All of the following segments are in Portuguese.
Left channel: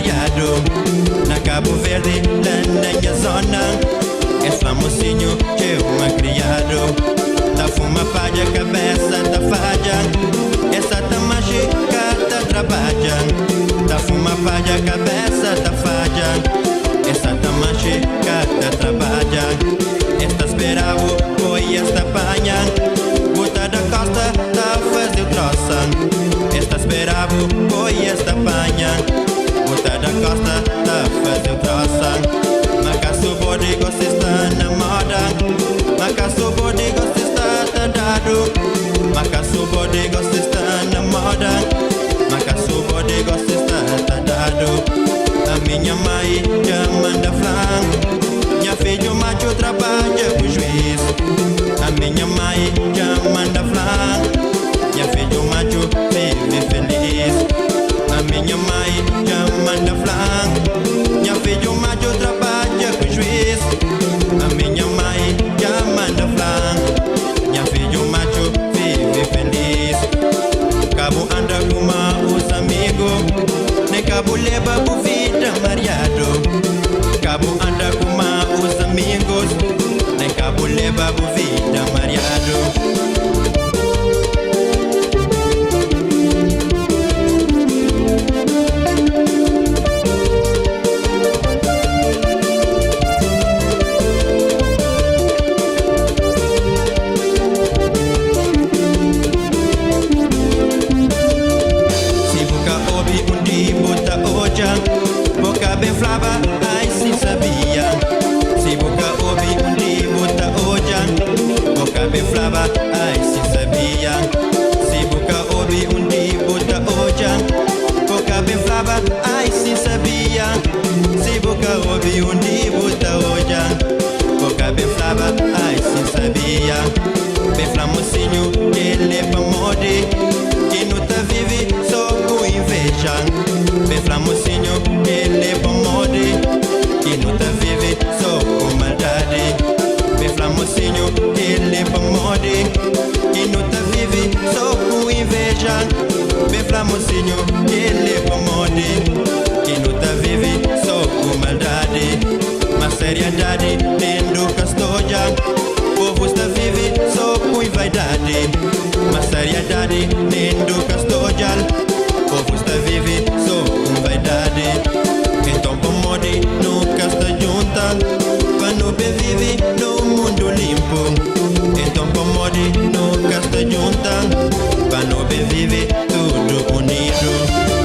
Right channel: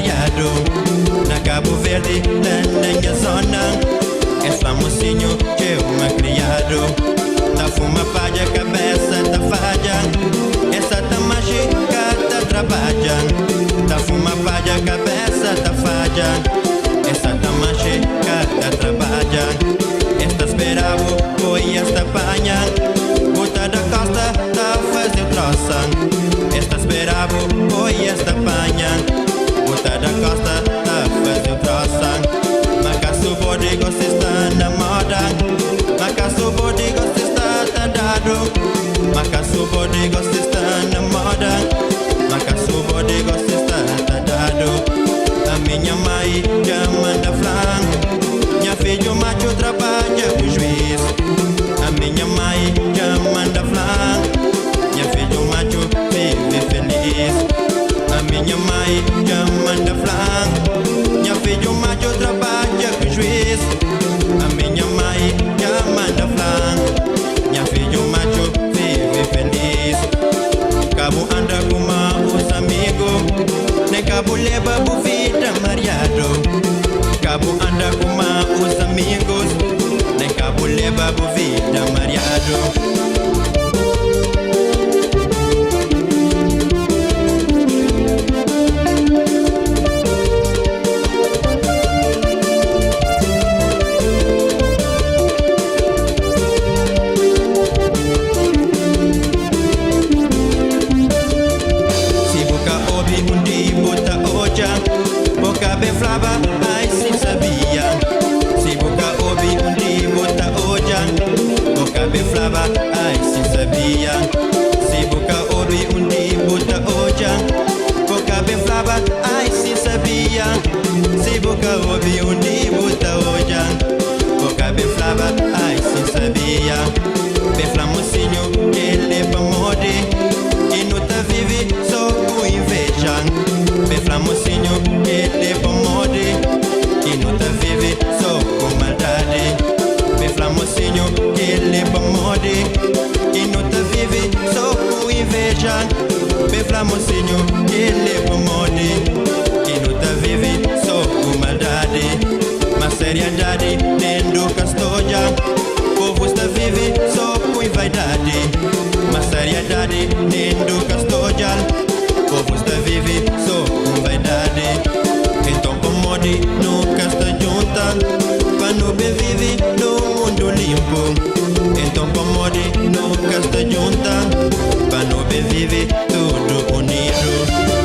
Mariado. Na Cabo Verde, lá na minha zona, és famosinho que eu me criado. Tá fuma palha, cabeça da falha, essa tá mágica, tá trabalha. Tá fuma palha, cabeça da falha, essa tá mágica, tá trabalha. Esta esperava, foi esta panha, Bota da costa, tá fazer o troça. Esta esperava, foi esta panha, Bota da costa, tá fazer o troça. Macaço bode gosta está na moda, Macaço bode gosta está tá dado. Macaço bode gosta está na moda, Macaço bode gosta está tá dado. A minha mãe já manda flan, minha filho macho trabalha com juiz. A minha mãe já manda flan, minha filho macho vive feliz. A minha mãe já manda flan, minha filho macho trabalha com juiz. A minha mãe já manda flan, minha filho macho vive feliz. Cabo anda com os amigos, nem cabo leva bu vida mariado. Cabo anda com os amigos, nem cabo leva bu vida mariado. Boca bem flava, ai sim sabia. Se boca ouve dia bota hoja. Boca bem flava, ai sim sabia. Se boca ouve dia bota hoja. Boca bem flava, ai sim sabia. Se boca ouve dia bota hoja. Boca bem flava, ai sim sabia. Bem flamocinho, que ele é pra mode, que não tá vive só com inveja. Bem flamocinho, que ele é pra mode, que não tá vive só com maldade. Bem flamocinho, que ele é pra mode, que não tá vive só com inveja. Bem flamocinho, que ele é pra mode, que não tá vive só com maldade. Mas seriedade nem do castoja, povo está vive só com vaidade. Mas seriedade nem do castoja, povo está vive só com vaidade. Então pomode nunca está junta, pra não bem vive no mundo limpo. Então pomode nunca está junta, pra não bem vive tudo unido.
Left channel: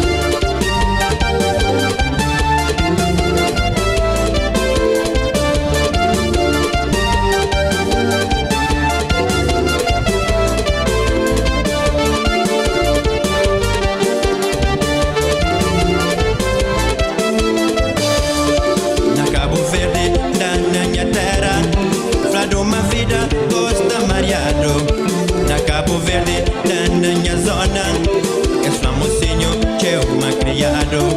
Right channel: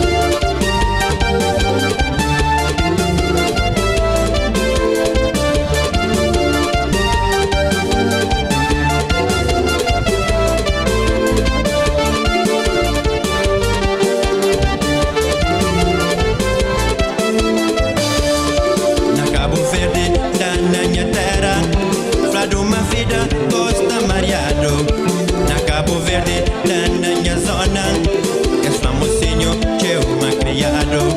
Cabo Verde, da minha terra, flado uma vida, gosta mariado. Na Cabo Verde, da minha zona, és famosinho, que eu me criado.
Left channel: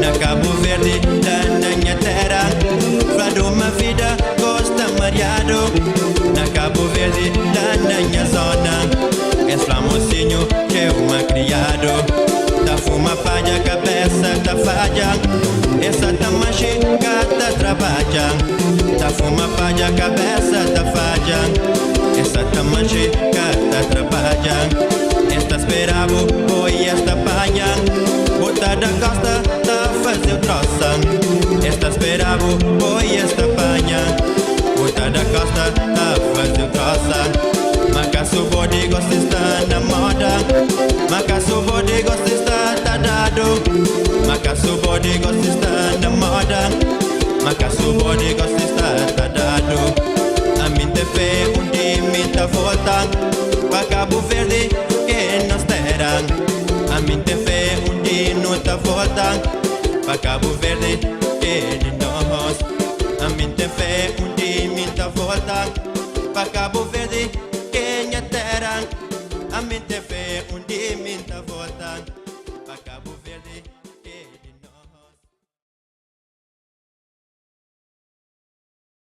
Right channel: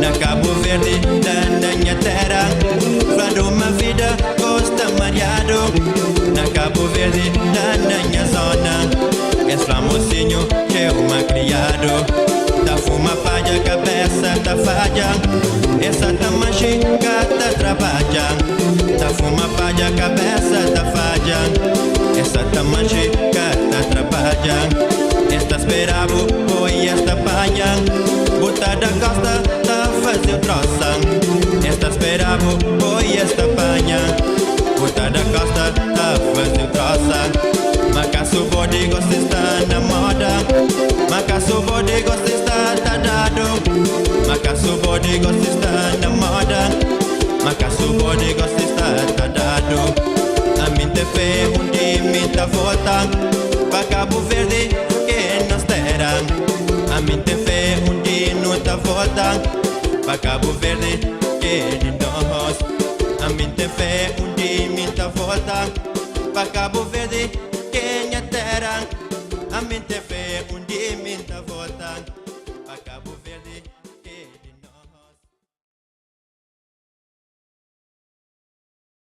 Na Cabo Verde, da minha terra, flado uma vida, gosta mariado. Na Cabo Verde, da minha zona, és famosinho, que eu me criado. Da fuma palha, cabeça da falha, essa tá mágica, tá trabalha. Tá fuma palha, cabeça da falha, essa tá mágica, tá trabalha. Esta esperava, foi esta palha, Bota da costa, tá fazer o troça. Esta esperava, foi esta panha, Bota da costa, tá fazer o troça. Macaço bode gosta está na moda, Macaço bode gosta está tá dado. Macaço bode gosta está na moda, Macaço bode gosta está tá dado. A minha fé dia minha volta, pra Cabo Verde que nos terá. A minha fé dia não tá volta, pra Cabo Verde que de nós. A minha fé dia minha volta, pra Cabo Verde que minha terra. A minha fé dia minha volta, pra Cabo Verde.